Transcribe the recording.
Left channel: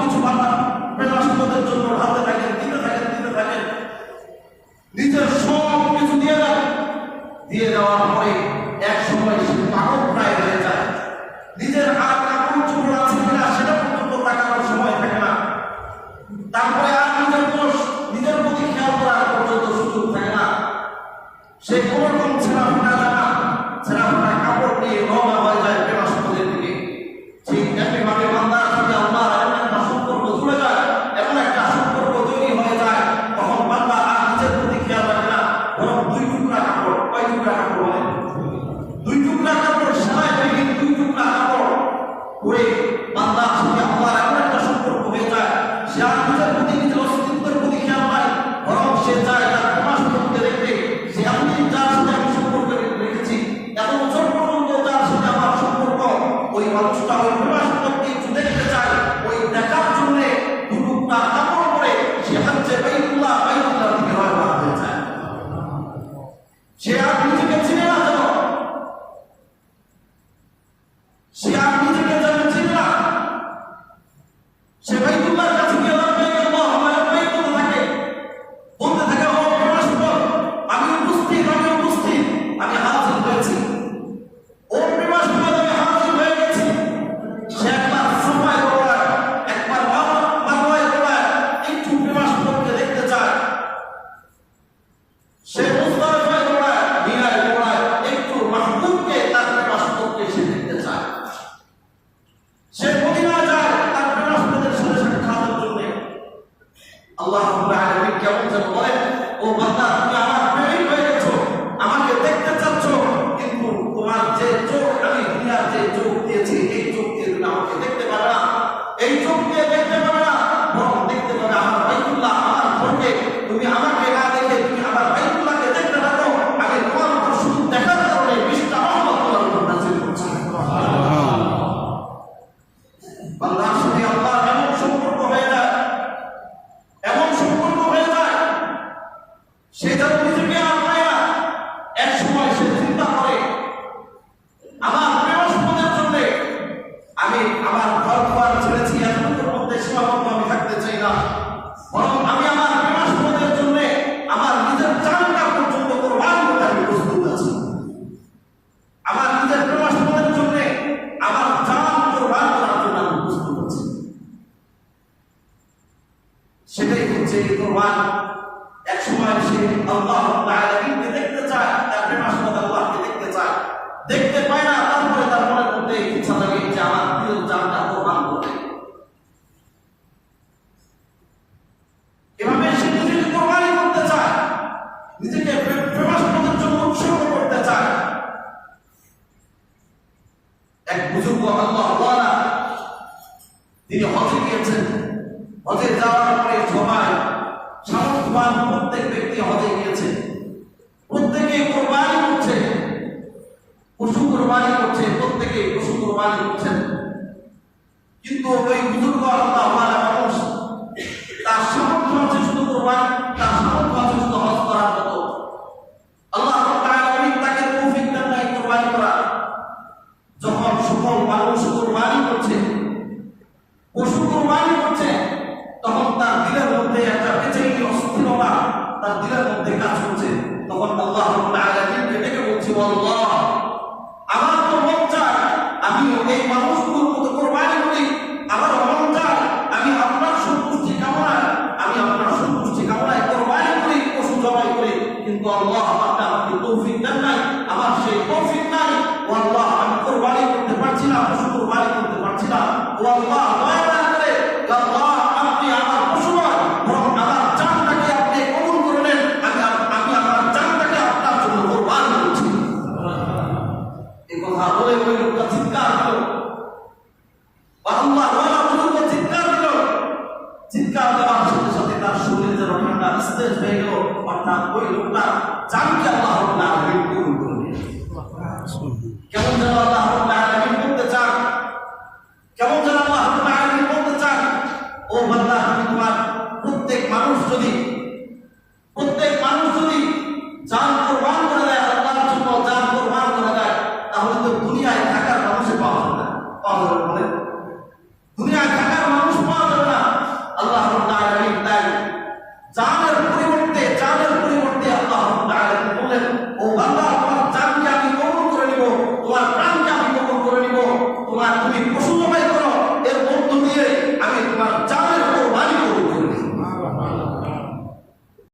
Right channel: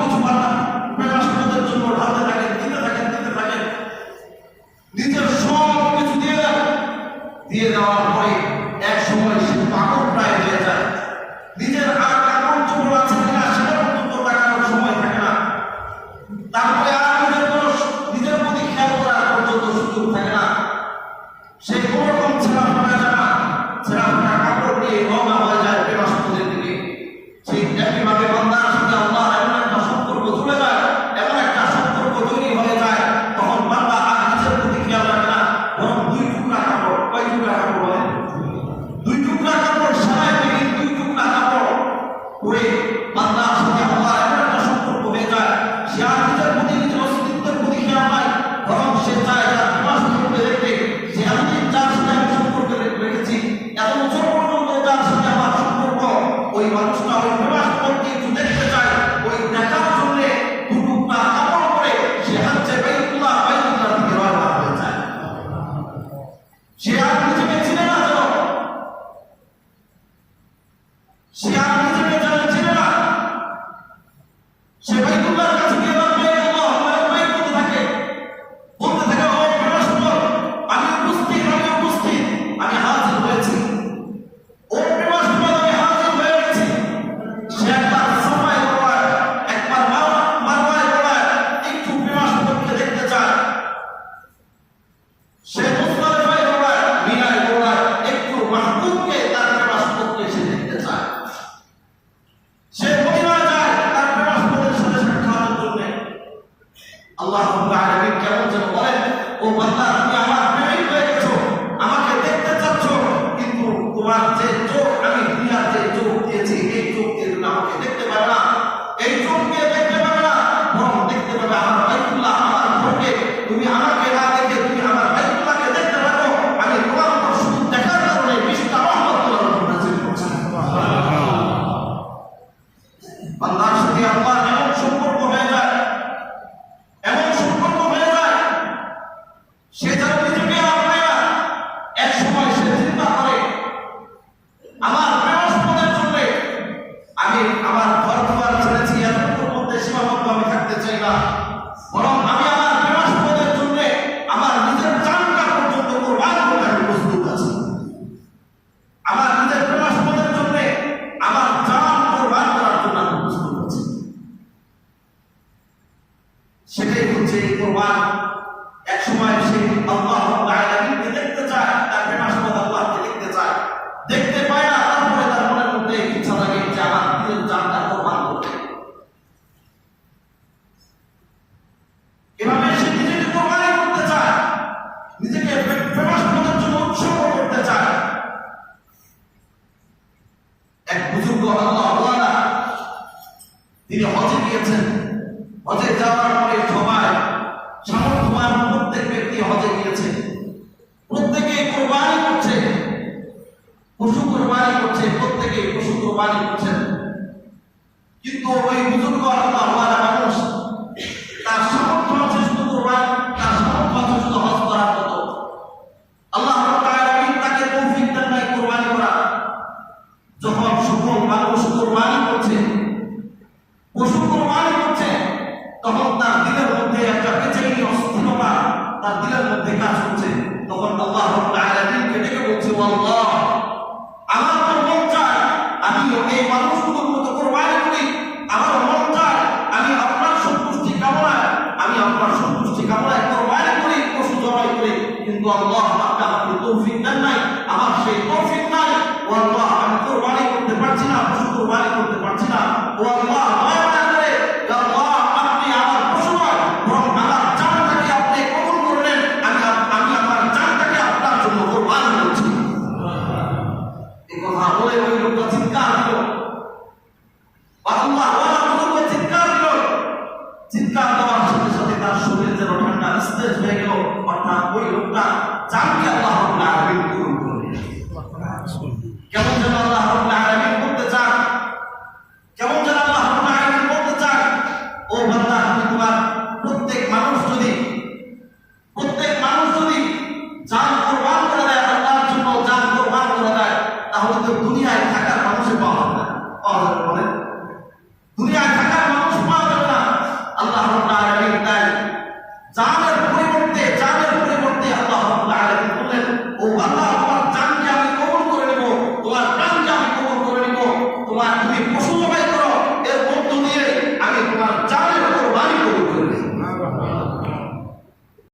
কিছু বাধা পেলাসদের জন্য ঢালতে থাকেন। We. পেয়েছি এই চোখ দিয়ে তুমি আমাকে দেখতে এই চোখ সেটাই হচ্ছে কোরবান এক সময় সে আল্লাহ দেখতে চায়, তার প্রেমাসবাদ আল্লাহকে দেখতে চায়। দেখতে পায় না, তারপরে তার মনের মধ্যে ইচ্ছা লাগে যে আমার প্রিয় জানটা কোরবান করবে। এভাবে সে নিজেকে কোরবানি করতে চায়, নিজেকে জন্য উৎসর্গ করতে চায়। এক বুজুর্গ আল্লাহ তিনি হজে গিয়েছেন। হজে যাওয়ার পরে সবাই সামর্থ্যবান প্রত্যেক ব্যক্তি হজে গিয়েছে। প্রত্যেকে কোরবানি করছে। পশু কোরবানি করছে, প্রত্যেকে পশু কোরবানি করছেন কাজ করছে তখন আল্লাহ আলামিনকে বলছে আমার তো মন চায় আমি এই মানুষগুলোর মতো কোরবানি করি আমার মন চায় আমি আপনার সন্তুষ্টি কামনায় আমি আপনার সন্তুষ্টি কামনায় কোরবানি করি পশু জবাই করি কিন্তু আল্লাহ আমাকে তৌফিক দেন নাই আমার সেই তৌফিক নাই। ও আল্লাহ, আমি কোরবানি করতে পারছি না পশু কোরবানি করতে চিৎকার করার সাথে সাথে তার শরীর যেন ঠান্ডা স্থির হয়ে গেল। অর্থাৎ ওই লোকটা জানকে আল্লাহ পূরণ